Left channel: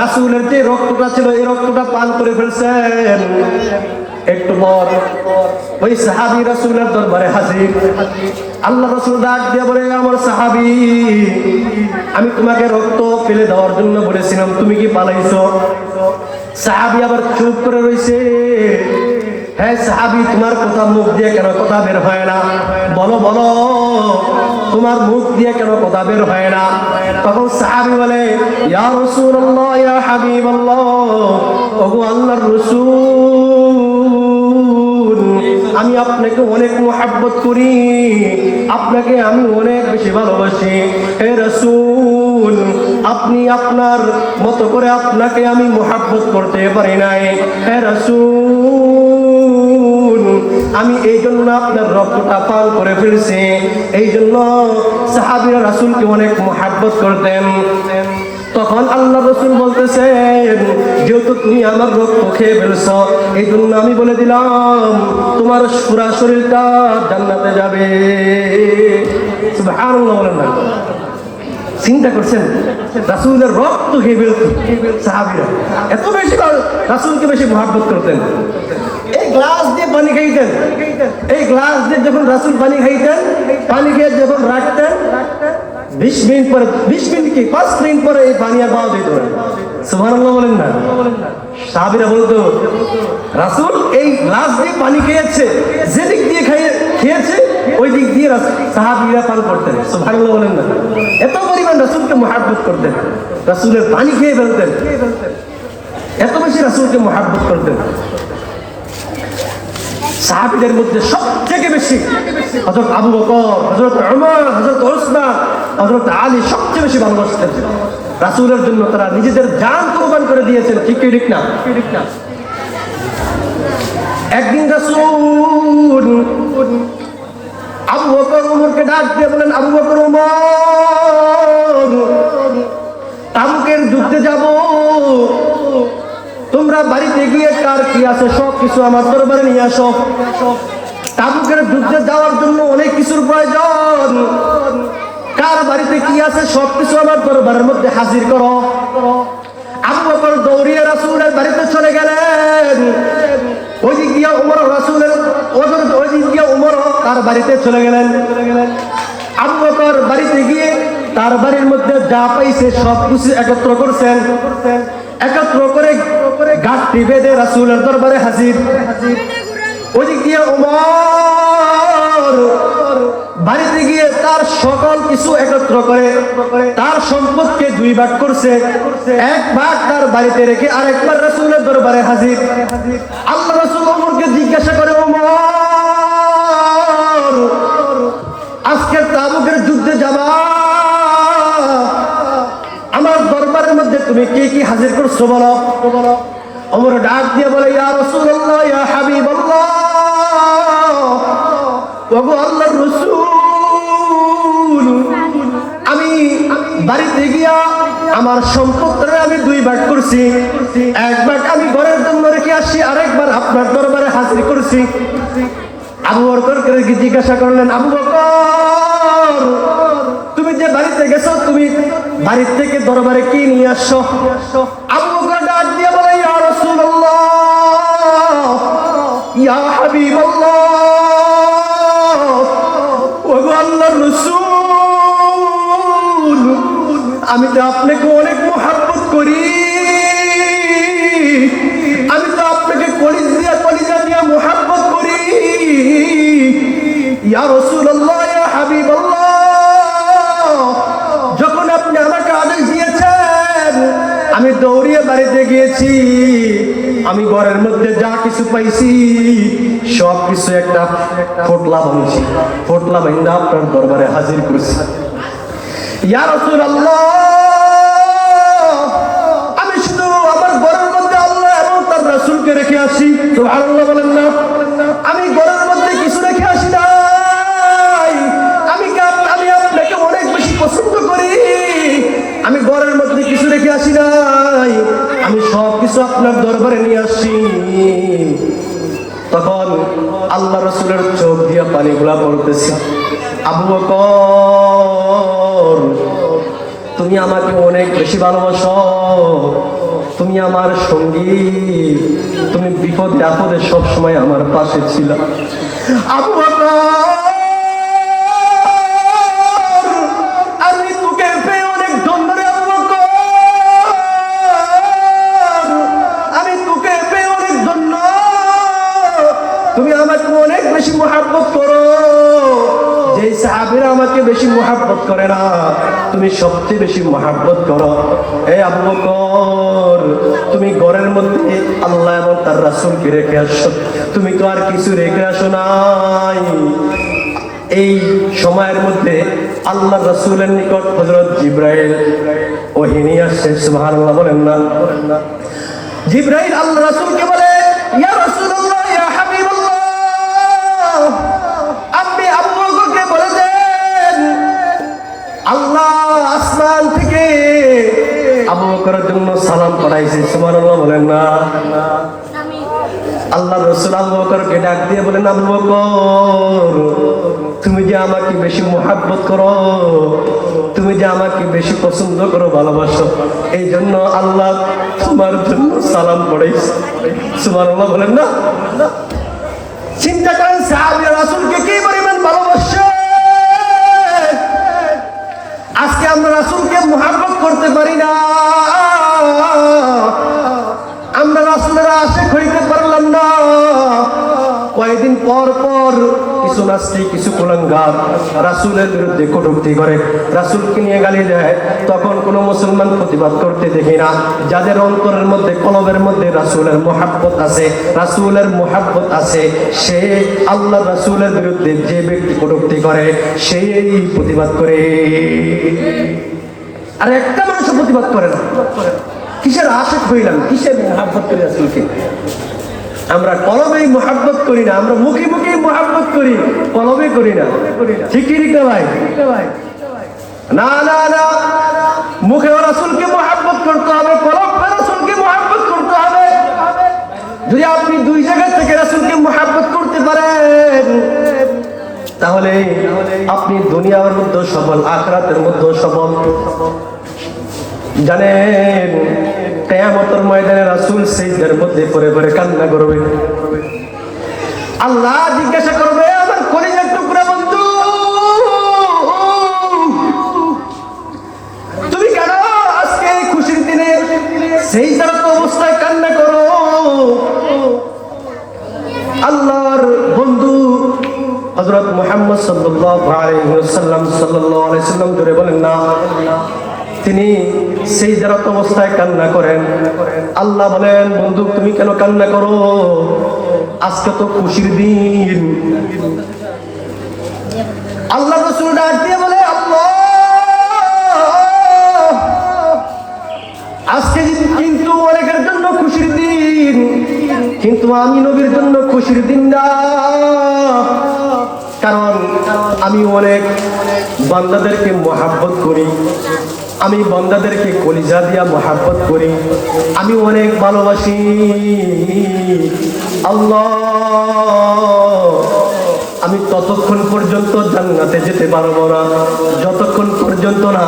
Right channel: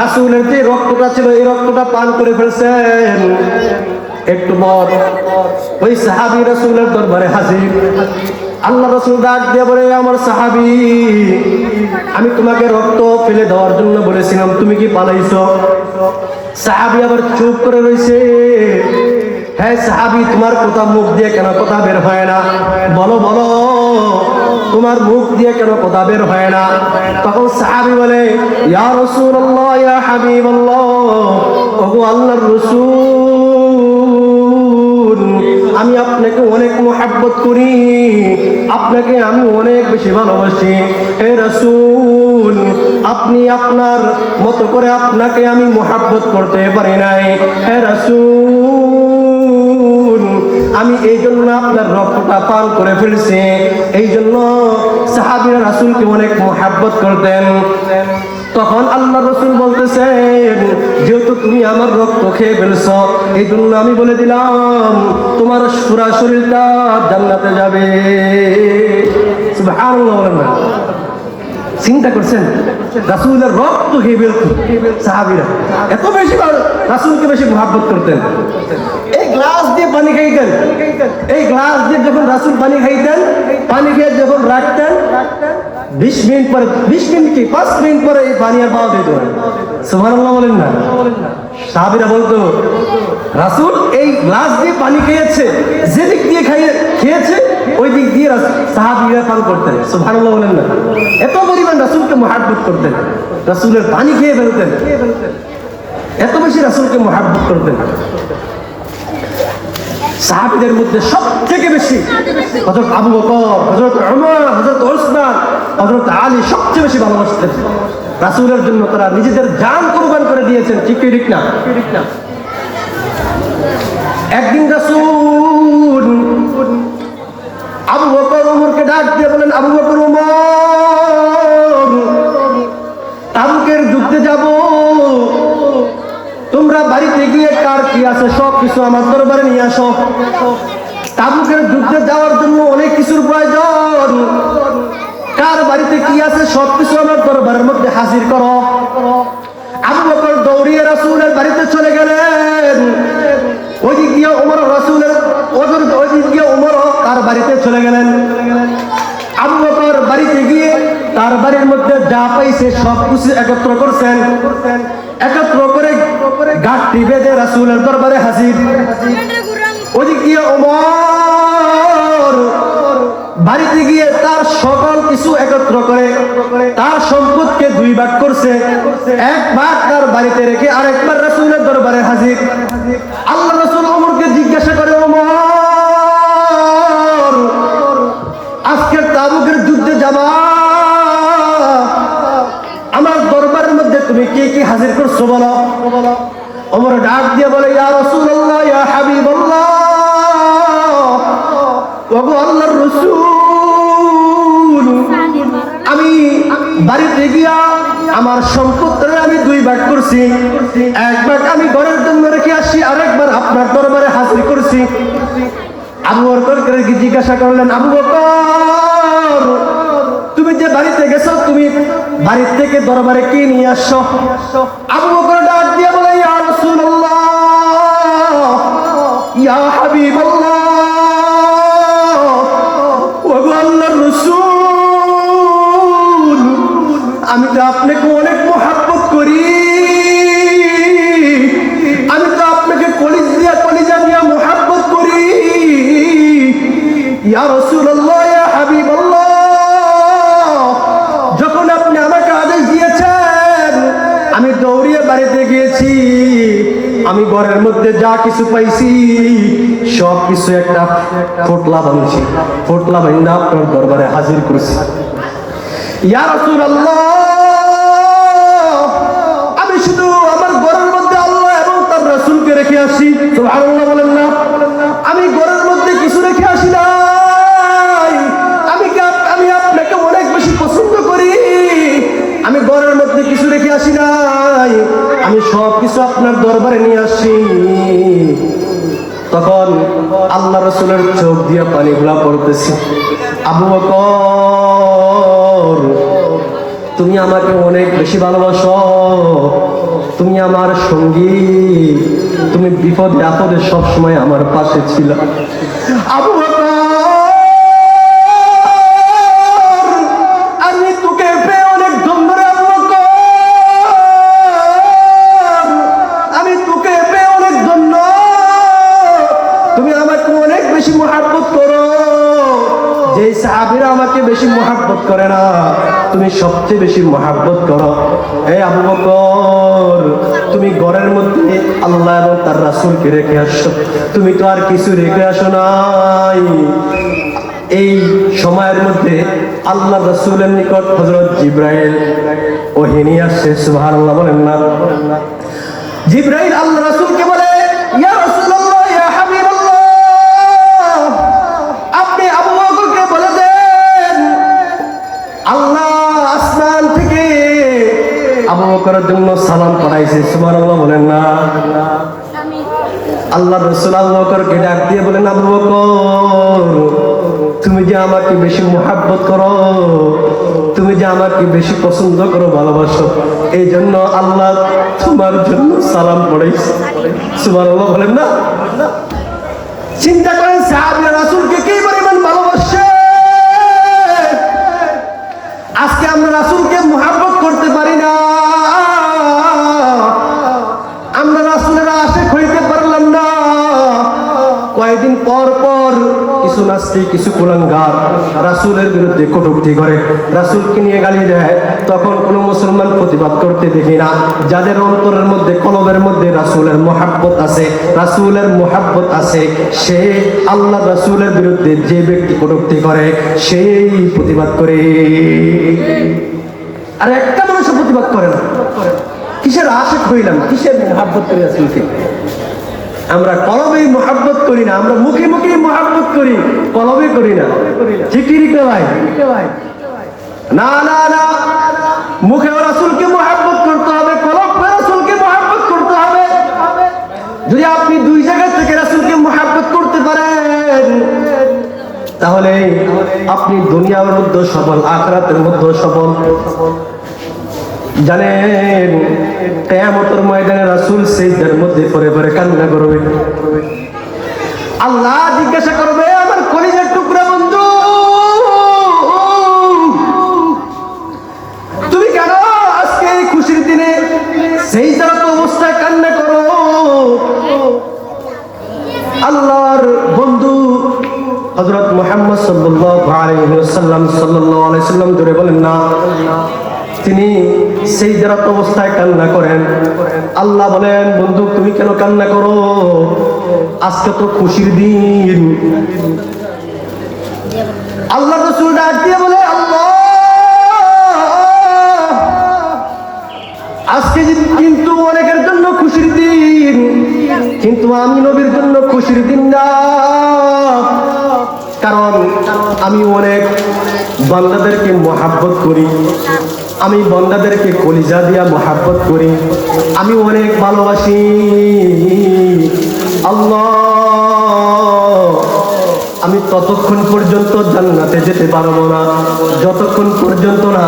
রাসূলের যে রক্তটা ছিল এই রক্তটা পান করে ফেলছেন। একটু পর ওই সাহাবী রাসূলের দরবারে হাজির। আল্লাহ রাসূল ডাক দিয়ে বলে, আমার সাহাবী, আমি তোমাকে রক্ত ফেলে দেওয়ার জন্য বলেছিলাম, তুমি কি পালাইছো? সাহাবী আবার চুপ করে রয়েছে। হ্যাঁ সাহাবী, তোমার কথা মুখ দিয়ে কেন কথা বের হয় না? বলো বলো, তোমার মুখ দিয়ে কেন কথা বের হয় না? তখন সাহাবী বলে, ইয়া রাসূলুল্লাহ, ইয়া হাবিবাল্লাহ, ওগো আল্লাহর রাসূল, আমি আপনাকে অনেক মহব্বত করি, আপনাকে আমি অনেক বেশি ভালোবাসি। হে রাসূল, আপনি আপনার মতো করে আপনাকে আমি মহব্বত করতে পারি নাই। হে রাসূল, আমি এই জন্য আপনার রক্তটা পান করে ফেলছি। এই জন্য সাহাবীরা রাসূলকে অনেক মহব্বত করতেন। তখন আল্লাহ রাসূল বলতেছেন, যেহেতু তুমি আমার রক্ত খেয়ে ফেলছো, এই জন্য আমি বলে দিলাম তোমার পুরা শরীরটা জান্নাতে যাবে। সুবহানাল্লাহ বলেন না? চিন্তা করছেন, রাসূলের রক্ত খেয়ে ফেলতো সাহাবীরা, এত বেশি রাসূলকে বেশি মহব্বত করতেন। এই গ্লাস দিয়ে পানি খাইতেন, এই গ্লাস দিয়ে যখন রাসূল পানি খাইতেন, পানি খেয়ে যখন রাখতেন, 20 মিনিট পর, 20 মিনিট কি 5 মিনিট পরে এই পানি আর পাওয়া যেত না। সুবহানাল্লাহ বলেন না? সাহাবীরা বলতো, রাসূল এই গ্লাস দিয়ে পানি খেয়েছে, যে দিক দিয়ে খেয়েছে ওই দিক দিয়ে সাহাবীরা পান করতেন। সুবহানাল্লাহ বলেন না? এত পরিমাণ রাসূলকে মহব্বত করতেন, রাসূলের পানি খেয়ে ফেলতেন, এত বেশি রাসূলকে মহব্বত করতেন। সাহাবীদের মধ্যে সবথেকে বেশি হযরত আবু বকর, হযরত ওমর, হযরত ওসমান, হযরত আলী সবচেয়ে বেশি ভালোবাসতেন রাসূলের জন্য। তারা নিজেদের জান কুরবান করে দিয়েছেন। ঠিক কি ঠিক না? একদিন রাসূল আবু বকর ওমরকে ডাক দিয়ে বলেন, আবু বকর, ওমর, তাবুকের যুদ্ধে যাব, তোমরা বাড়িতে গিয়ে কার কি আছে সব কিছু আমার দরবারে নিয়ে আসো। তাবুকের যুদ্ধে যাওয়ার জন্য অনেক কিছুর প্রয়োজন, কার বাড়িতে কি আছে সব কিছু আমার দরবারের মধ্যে হাজির করো। আবু বকর দৌড়িয়ে রাসূলের বাড়িতে চলে গেলেন। ওই দিক দিয়ে ওমর, রাসূলের ওই দিক দিয়ে ওমর তার বাড়িতে চলে গেলেন। আবু বকর বাড়িতে গিয়ে তার বাড়ির মধ্যে যা পাইছে সব কিছু একত্র করছেন, একত্র করে গাঁটটি বেঁধে রাসূলের দরবারে হাজির। ওদিক দিয়ে ওমর বাড়িতে গিয়ে তার সকল কিছু একত্র করে তার সম্পদকে 2 ভাগ করছে। 1 ভাগ তার বাড়িতে রেখে আরেকবার রাসূলের দরবারে হাজির। আল্লাহ রাসূল ওমরকে জিজ্ঞাসা করে, ওমর, আজকে তাবুকের যুদ্ধে যাবা, আমার দরবারের মধ্যে তুমি কি কি হাজির করছো বলো। ওমর ডাক দিয়ে বলে, ইয়া রাসূলুল্লাহ, ইয়া হাবিবাল্লাহ, ওগো আল্লাহর রাসূল, আমি বাড়িতে গিয়া আমার সম্পদটা আমি 2 ভাগ করছি। 1 ভাগ আমি ঘরের জন্য রেখে আসছি, আরেকবার আপনার দরবারে হাজির করছি। আবু বকরকে জিজ্ঞাসা করলেন, আবু বকর, তুমি যে বাড়িতে গেছো, তুমি বাড়ি থেকে দরবারে কি নিয়ে আসছো? আবু বকর ডাক দিয়ে বলে, ইয়া রাসূলুল্লাহ, ইয়া হাবিবাল্লাহ, ওগো আল্লাহর রাসূল, আমি তো আপনাকে অনেক মহব্বত করি, আমি তো আপনাকে কলিজা দিয়ে মহব্বত করি। ইয়া রাসূলুল্লাহ, ইয়া হাবিবাল্লাহ, যখন আপনি আমাকে আদেশ দিয়েছেন আমি দৌড়িয়ে বাড়িতে গিয়েছি, আমি ঘরের মধ্যে যা কিছু পাইছি সব কিছু একটা পোটলা বানিয়েছি, পোটলা বানিয়ে আপনার দরবারে হাজির করেছি। ইয়া রাসূলুল্লাহ, আমি শুধু আমার ঘরের মধ্যে আল্লাহ এবং তার রাসূলকে রেখে আসি। সুবহানাল্লাহ বলেন না? আমি ঘরের মধ্যে কিছু রেখে আসি নাই, আমি আপনাকে অনেক বেশি পছন্দ করি, আমি ঘরের মধ্যে কিছু রেখে আসি নাই, আমি সব কিছু আপনার দরবারে নিয়ে আসি। তখন আল্লাহ রাসূলের চোখ দিয়ে পানিগুলা পড়তেছে। আবু বকর, তুমি আমাকে অনেক বেশি ভালোবাসো, তুমি আমার সঙ্গী, তুমি বিপদে আপদে সবসময় আমার পাশে ছিল। আবু বকর, আমি তোকে পেয়ে অনেক ধন্য রে আবু বকর, আমি তোকে পেয়ে অনেক ধন্য। তুমি আমাকে অনেক বেশি মহব্বত করো। যে সাহাবীরা আমাকে বেশি মহব্বত করে না, তুমি সবচেয়ে বেশি মহব্বত করো। এই আবু বকর, তুমি ঘরের মধ্যে আল্লাহ এবং তার রাসূলকে রেখে আসছো, তুমি তো আর কিছু রেখে আসো নাই। এই সময়ের মধ্যে আল্লাহ রাসূলের নিকট হযরত জিবরাইল ওহী নিয়ে আসছে। সুবহানাল্লাহ বলেন না? জিবরাইল আল্লাহ রাসূলকে বলে, ইয়া রাসূলুল্লাহ, ইয়া হাবিবাল্লাহ, আপনি আবু বকরকে বলে দেন আল্লাহ আসমান থেকে আবু বকরের জন্য সালাম পড়াইছে। সুবহানাল্লাহ বলেন না? আল্লাহ রাসূল আবু বকরকে ডাক দিয়ে বলেন, আবু বকর, তুমি যে আমাকে বেশি মহব্বত করো, তুমি যে আমাকে বেশি পছন্দ করো, ভালোবাসো, এই জন্য আল্লাহ তোমার জন্য সালাম পড়াইছে। সুবহানাল্লাহ বলেন না? চিন্তা করেন সাহাবী রাসূলকে কি পরিমাণ ভালোবাসে। আজকে আমরা রাসূলকে মহব্বত করতে পারি না, আমরা রাসূলের আশিক হইতে পারলাম না। কয়েকদিন পর পর কিছু নাস্তিক, কিছু কুলাঙ্গার রাসূলের বিরুদ্ধে কটূক্তি করে, রাসূলকে নিয়ে গালি দেয়। তখন কোনো মুসলমান প্রতিবাদ করতে দেখি না। যাদের অন্তরের মধ্যে, কলবের মধ্যে রাসূলের মহব্বত আছে, রাসূলের মহব্বত আছে, সে আল্লাহ রাসূলের বিরুদ্ধে যে ব্যক্তি কটূক্তি করে সেই প্রতিবাদ করে। আর একটা মানুষ প্রতিবাদ করে না। কিসের আশিক হইলাম, কিসের মহব্বত করি রাসূলকে? আমরা কলবেই মহব্বত করি না, আমরা মুখে মুখে মহব্বত করি, কলবে করি না। ঠিক কি না ভাই? না না না, মুখে রাসূলকে মহব্বত করতে হবে, কলবে রাসূলকে মহব্বত করতে হবে। যদি আপনি দুই জায়গা থেকে রাসূলকে মহব্বত করতে পারেন, তাহলে আপনি দুনিয়ার মধ্যে সফল, আখিরাতের মধ্যে সফল। জানেন, কিয়ামতের ময়দানে রাসূল সিজদার মধ্যে পড়ে পড়ে কান্না করবে। আল্লাহ জিজ্ঞাসা করবে, আমার কলিজার টুকরা বন্ধু, তুমি কেন আজকে এই খুশির দিনে সিজদার অবস্থায় কান্না করো? আল্লাহর বন্ধু হযরত মুহাম্মদ সাল্লাল্লাহু আলাইহি ওয়াসাল্লাম ধরে বলেন না, তিনি সিজদারত অবস্থায় কান্না করেন। আল্লাহ বলেন, বন্ধু তুমি কেন কান্না করো? আজকে তো খুশির দিন। আল্লাহ রাসূল ডাক দিয়ে বলে, আল্লাহ, আজকে কিন্তু অনেকের জন্য খুশির দিন, কিন্তু আমি নবীর জন্য খুশির দিন না। কারণ আমি অনেক বান্দাদেরকে মহব্বত করি, আমি বান্দাদেরকে কলিজা দিয়া মহব্বত করি, আমি অনেক ভালোবাসি। আল্লাহ, আমি ততক্ষণ পর্যন্ত জান্নাতে যেতে পারবো না যতক্ষণ পর্যন্ত না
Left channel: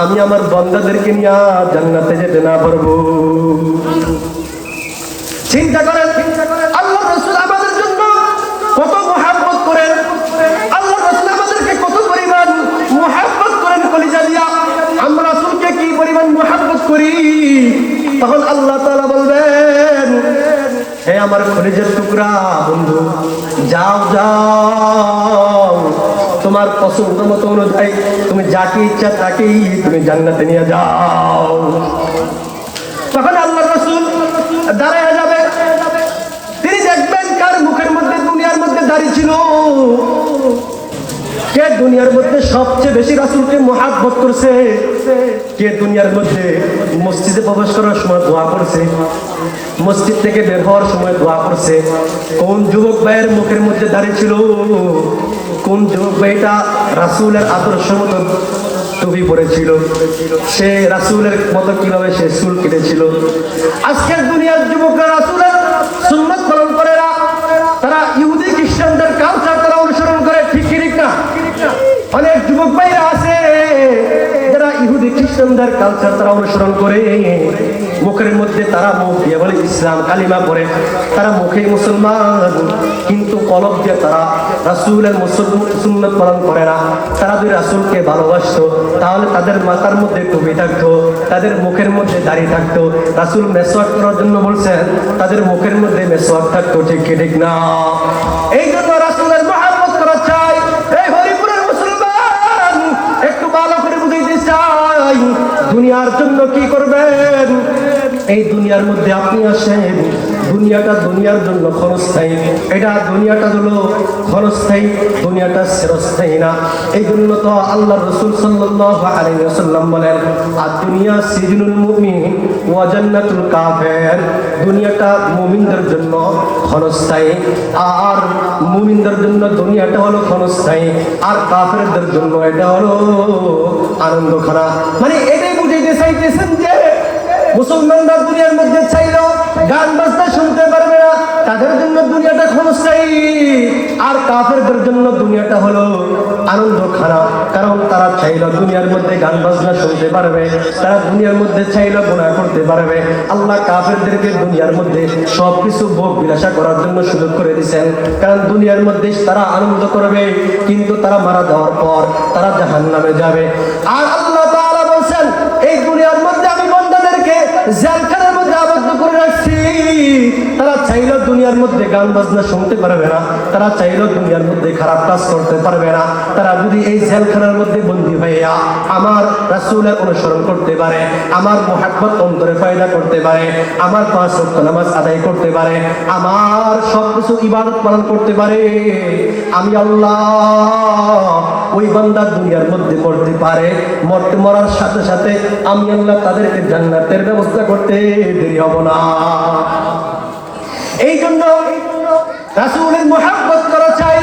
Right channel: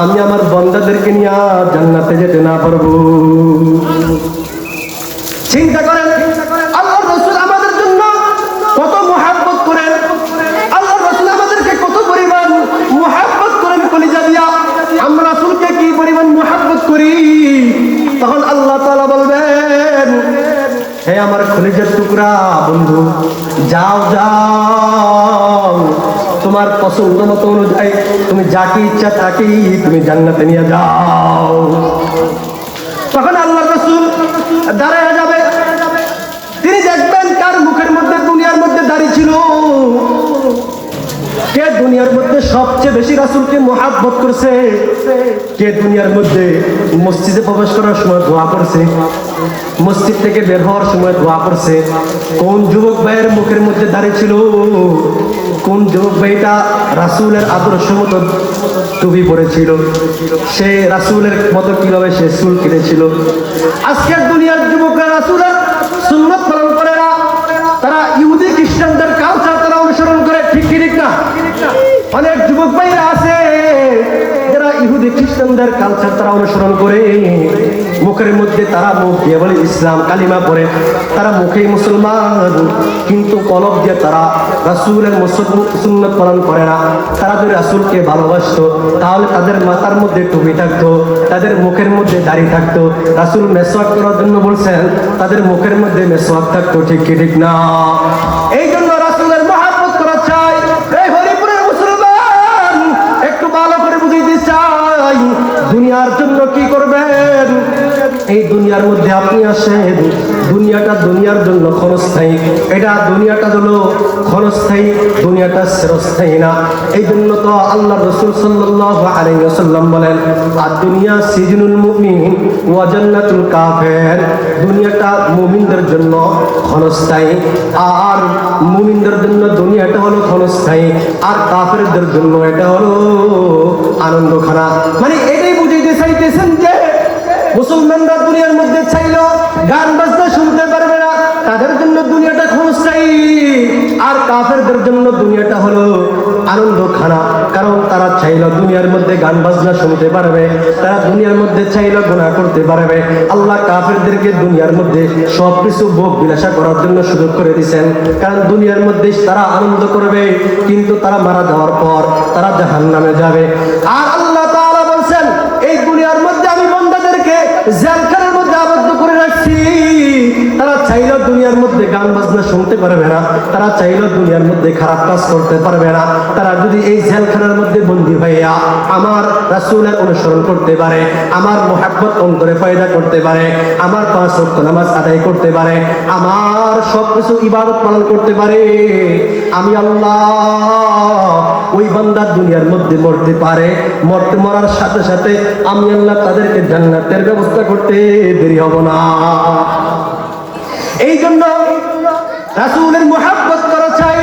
আমি আমার বান্দাদেরকে নিয়ে জান্নাতে যেতে না পারবো। চিন্তা করেন, আল্লাহ রাসূল আমাদের জন্য কত মহব্বত করেন, আল্লাহ রাসূল আমাদেরকে কত পরিমাণ মহব্বত করেন কলিজা দিয়া। আমরা রাসূলকে কি পরিমাণ মহব্বত করি, তখন আল্লাহ তাআলা বলবেন, হে আমার কলিজার টুকরা বন্ধু, যাও যাও, তোমার পছন্দ মতো অনুযায়ী তুমি যাকে ইচ্ছা তাকেই তুমি জান্নাতে নিয়ে যাও। তখন আল্লাহ রাসূল দাঁড়ায় যাবে, তিনি দেখবেন কার মুখের মধ্যে দুনিয়ার মধ্যে দাড়ি ছিল, কে দুনিয়ার মধ্যে সবচেয়ে বেশি রাসূলকে মহব্বত করছে, কে দুনিয়ার মধ্যে মসজিদে প্রবেশ করার সময় দোয়া করছে, মসজিদ থেকে বের হওয়ার সময় দোয়া করছে, কোন যুবক ভাইয়ের মুখের মধ্যে দাঁড়িয়ে ছিল, কোন যুবক ভাইটা রাসূলের আদর্শ মতো টুপি পরেছিল, সে রাসূলের মতো কিভাবে সে চুল কেটেছিল। আজকের দুনিয়ার যুবকরা রাসূলের সুন্নাত পালন করে না, তারা ইহুদি খ্রিস্টানদের কালচার তারা অনুসরণ করে। ঠিক ঠিক না? অনেক যুবক ভাইরা আছে যারা ইহুদি খ্রিস্টানদের কালচার তারা অনুসরণ করে, মুখের মধ্যে তারা মুখ দিয়ে বলে ইসলাম কালিমা পড়ে, তারা মুখে মুসলমান, কিন্তু কলব দিয়ে তারা রাসূলের সুন্নাত পালন করে না। তারা যদি রাসূলকে ভালোবাসতো তাহলে তাদের মাথার মধ্যে টুপি থাকতো, তাদের মুখের মধ্যে দাড়ি থাকতো। রাসূল মেসওয়াক করার জন্য বলছেন, তাদের মুখের মধ্যে মেসওয়াক থাকতো। ঠিক কি ঠিক না? এই জন্য রাসূলের মহব্বত করা চাই। এই হরিপুরের মুসলমান একটু ভালো করে বুঝাইতে চাই, দুনিয়ার জন্য কি করবেন? এই দুনিয়ার মধ্যে আপনি আসেন, দুনিয়াটা দুনিয়ার জন্য ক্ষণস্থায়ী, এটা দুনিয়াটা হলো ক্ষণস্থায়ী, দুনিয়াটা চিরস্থায়ী না। এই জন্য তো আল্লাহ রাসূল সাল্লাল্লাহু আলাইহি ওয়াসাল্লাম বলেন, আদ-দুনিয়া সিজনুল মুমিন ওয়া জান্নাতুল কাফির। দুনিয়াটা মুমিনদের জন্য ক্ষণস্থায়ী, আর মুমিনদের জন্য দুনিয়াটা হলো ক্ষণস্থায়ী, আর কাফেরদের জন্য এটা হলো আনন্দখানা। মানে এটাই বুঝাইতে চাইতেছেন যে মুসলমানরা দুনিয়ার মধ্যে চাইলো গান বাজনা শুনতে পারবে না, তাদের জন্য দুনিয়াটা ক্ষণস্থায়ী, আর কাফেরদের জন্য দুনিয়াটা হলো আনন্দখানা। কারণ তারা চাইলো দুনিয়ার মধ্যে গান বাজনা শুনতে পারবে, তারা দুনিয়ার মধ্যে চাইলো গুনাহ করতে পারবে। আল্লাহ কাফেরদেরকে দুনিয়ার মধ্যে সবকিছু ভোগ বিলাসা করার জন্য সুযোগ করে দিয়েছেন, কারণ দুনিয়ার মধ্যে তারা আনন্দ করবে, কিন্তু তারা মারা যাওয়ার পর তারা জাহান্নামে যাবে। আর আল্লাহ তাআলা বলছেন, এই দুনিয়ার মধ্যে আমি বান্দাদেরকে জেলখানার মধ্যে আবদ্ধ করে রাখছি। তারা চাইলেও দুনিয়ার মধ্যে গান বাজনা শুনতে পারবে না, তারা চাইলেও দুনিয়ার মধ্যে খারাপ কাজ করতে পারবে না। তারা যদি এই জেলখানার মধ্যে বন্দী হইয়া আমার রাসূলের অনুসরণ করতে পারে, আমার মুহাব্বত অন্তরে পয়দা করতে পারে, আমার 5 ওয়াক্ত নামাজ আদায় করতে পারে, আমার সবকিছু ইবাদত পালন করতে পারে, আমি আল্লাহ ওই বান্দা দুনিয়ার মধ্যে মরতে পারে, মরার সাথে সাথে আমি আল্লাহ তাদেরকে জান্নাতের ব্যবস্থা করতে দেরি হব না। এই জন্য রাসূলের মুহাব্বত করা চাই,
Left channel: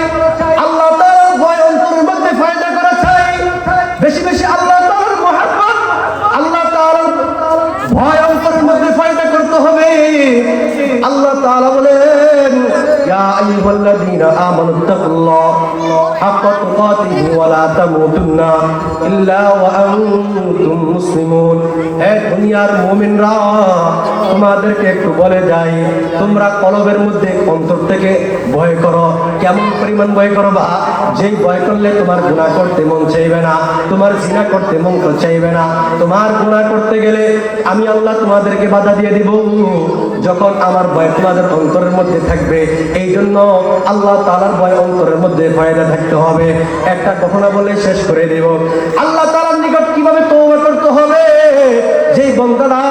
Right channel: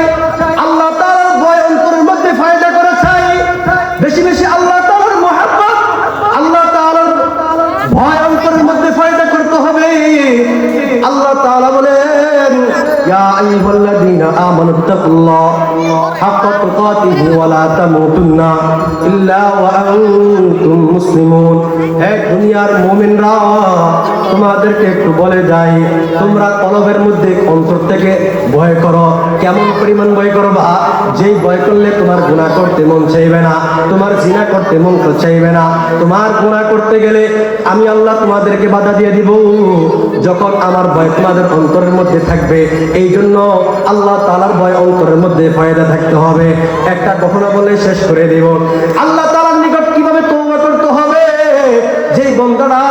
আল্লাহ তাআলার ভয় অন্তরের মধ্যে পয়দা করা চাই, বেশি বেশি আল্লাহ তাআলার মুহাব্বত, আল্লাহ তাআলার ভয় অন্তরের মধ্যে পয়দা করতে হবে। আল্লাহ তাআলা বলেন, ইয়া আইয়ুহাল্লাযীনা আমানু তাকুল্লাহ হাক্কা তুকাতিহি ওয়া লা তামুতুন্না ইল্লা ওয়া আনতুম মুসলিমুন। হে দুনিয়ার মুমিনরা, তোমাদেরকে একটু বলে যাই, তোমরা কলবের মধ্যে অন্তর থেকে ভয় করো। কেমন পরিমাণ ভয় করবা? যেই ভয় করলে তোমার গুনাহ করতে মন চাইবে না, তোমার জিনা করতে মন চাইবে না। তোমার গুনাহ করতে গেলে আমি আল্লাহ তোমাদেরকে বাধা দিয়ে দিব, যখন আমার ভয় তোমাদের অন্তরের মধ্যে থাকবে। এই জন্য আল্লাহ তাআলার ভয় অন্তরের মধ্যে ফায়দা থাকতে হবে। একটা ঘটনা বলে শেষ করে দেব। আল্লাহ তাআলার নিকট কিভাবে তওবা করতে হবে? যেই বান্দারা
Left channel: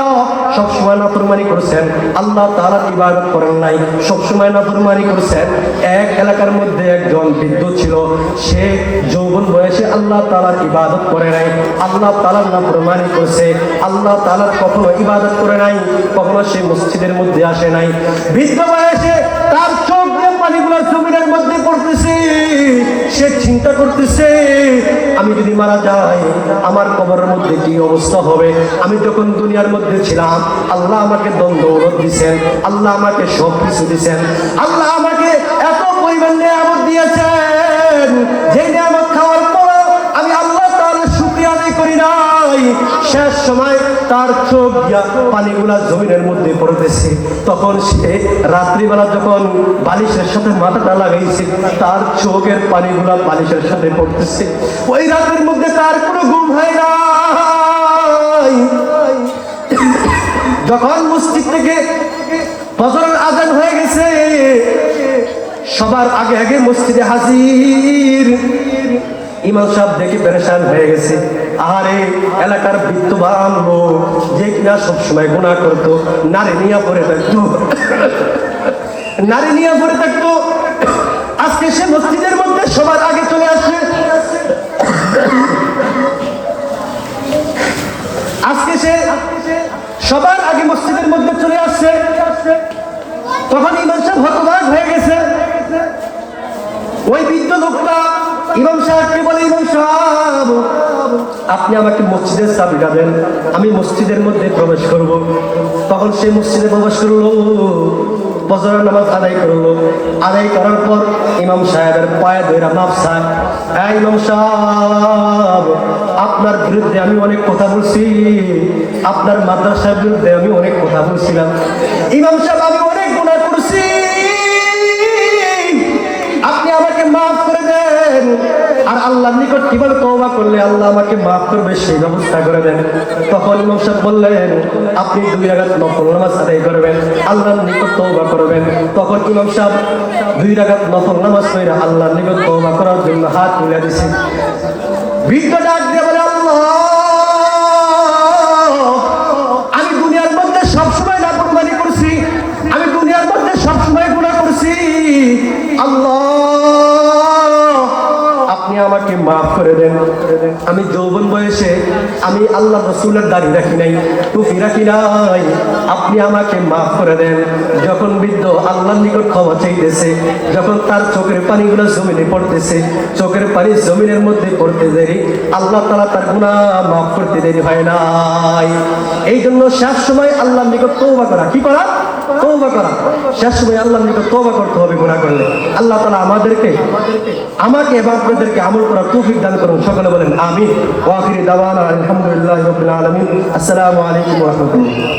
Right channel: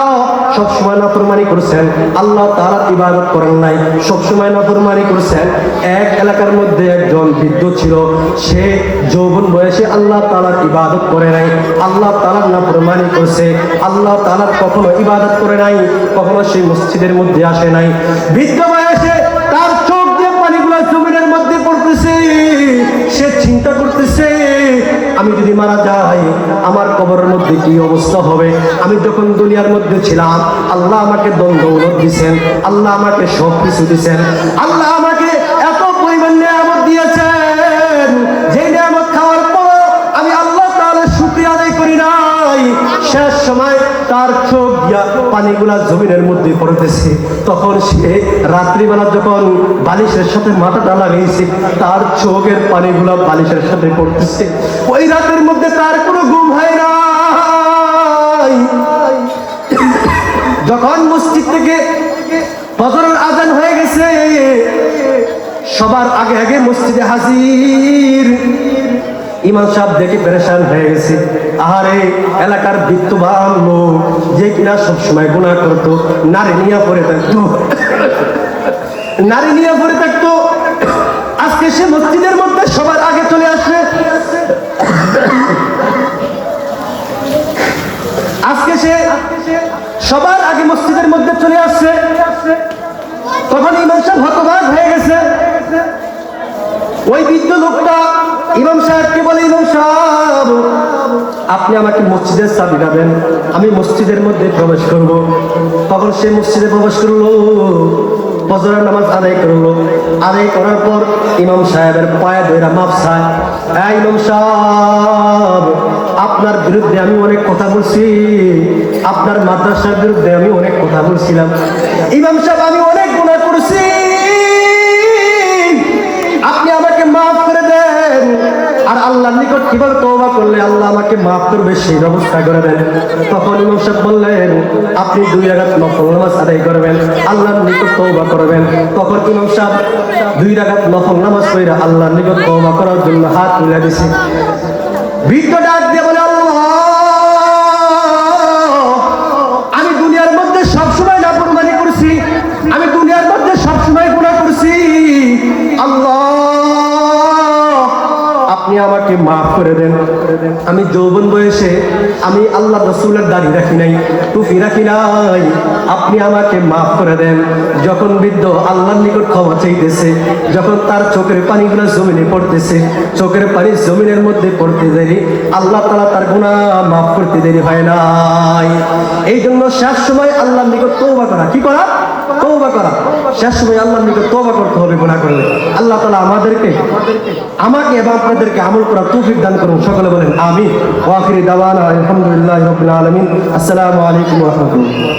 সবসময় নাফরমানি করছেন, আল্লাহ তাআলার ইবাদত করেন নাই, সবসময় নাফরমানি করছেন। এক এলাকার মধ্যে একজন বৃদ্ধ ছিল, সে যৌবন বয়সে আল্লাহ তাআলার ইবাদত করে নাই, আল্লাহ তাআলার নাফরমানি করছে, আল্লাহ তাআলার কখনো ইবাদত করে নাই, কখনো সে মসজিদের মধ্যে আসে নাই। বৃদ্ধ বয়সে তার চোখ দিয়ে পানিগুলো জমিনের মধ্যে পড়তেছে, সে চিন্তা করতেছে, আমি যদি মারা যাই আমার কবরের মধ্যে কি অবস্থা হবে? আমি যখন দুনিয়ার মধ্যে ছিলাম আল্লাহ আমাকে দম দৌলত দিয়েছেন, আল্লাহ আমাকে সব কিছু দিয়েছেন, আল্লাহ আমাকে এত পরিমাণ নিয়ামত দিয়েছেন, যে নিয়ামত খাওয়ার পর আমি আল্লাহ তাআলার শুকরিয়া আদায় করি নাই। শেষ সময় তার চোখ দিয়া পানিগুলা জমিনের মধ্যে পড়তেছে। তখন সে রাত্রিবেলা যখন বালিশের সাথে মাথাটা লাগাইছে, তার চোখের পানিগুলা বালিশের সাথে পড়তেছে। ওই রাতের মধ্যে তার কোনো ঘুম হয় না। যখন মসজিদ থেকে ফজরের আযান হয়ে গেছে, সবার আগে আগে মসজিদে হাজির। ইমাম সাহেব দেখে পেরেশান হয়ে গেছে। আহারে, এলাকার বিত্তবান লোক, যে কিনা সবসময় গুনাহ করতো, নারী নিয়ে পড়ে থাকতো, নারী নিয়ে পড়ে থাকতো, আজকে সে মসজিদের মধ্যে সবার আগে চলে আসে। আজকে সে সবার আগে মসজিদের মধ্যে চলে আসছে। তখন ইমাম সাহেব হতবাক হয়ে গেছে। ওই বৃদ্ধ লোকটা ইমাম সাহেবকে বলে, ইমাম সাহেব আপনি আমাকে মসজিদের চাবি দেবেন, আমি মসজিদের মধ্যে প্রবেশ করব। তখন সে মসজিদে প্রবেশ করলো, ফজরের নামাজ আদায় করলো। আদায় করার পর ইমাম সাহেবের পায়ে ধরে মাফ চায়, এই ইমাম সাহেব আপনার বিরুদ্ধে আমি অনেক কথা বলছি, আপনার মাদ্রাসার বিরুদ্ধে আমি অনেক যান। ইমাম সাহেব আমি অনেক গুনাহ করেছি, আপনি আমাকে মাফ করে দেন। আর আল্লাহর নিকট কিভাবে তওবা করলে আল্লাহ আমাকে মাফ করবে সেই ব্যবস্থা করে দেন। তখন ইমাম সাহেব বললেন, আপনি 2 রাকাত নফল নামাজ আদায় করবেন, আল্লাহর নিকট তওবা করবেন। তখন ইমাম সাহেব 2 রাকাত নফল নামাজ পড়ে আল্লাহর নিকট তওবা করার জন্য হাত তুলে দিয়েছে। বৃদ্ধ ডাক দিয়ে বলে, আল্লাহ, আমি দুনিয়ার মধ্যে সবসময় নাফরমানি করছি, আমি দুনিয়ার মধ্যে সবসময় গুনাহ করছি, আল্লাহ আপনি আমাকে মাফ করে দেন। আমি যৌবন বয়সে আমি আল্লাহ রাসূলের দাড়ি রাখি নাই, টুপি রাখি নাই, আপনি আমাকে মাফ করে দেন। যখন বৃদ্ধ আল্লাহর নিকট ক্ষমা চাইতেছে, যখন তার চোখের পানিগুলো জমিনে পড়তেছে, চোখের পানি জমিনের মধ্যে পড়তে দেরি, আল্লাহ তাআলা তার গুনাহ মাফ করতে দেরি হয় নাই। এই জন্য শেষ সময় আল্লাহর নিকট তওবা করা, কি করা? তওবা করা। শেষ সময় আল্লাহর নিকট তওবা করতে হবে গুনাহ করলে। আল্লাহ তাআলা আমাকে এবং আপনাদেরকে আমল করার তৌফিক দান করুন। সকলে বলেন আমিন। ওয়া আখিরি দাওয়ানা আলহামদুলিল্লাহি রাব্বিল আলামিন। আসসালামু আলাইকুম ওয়া রাহমাতুল্লাহ।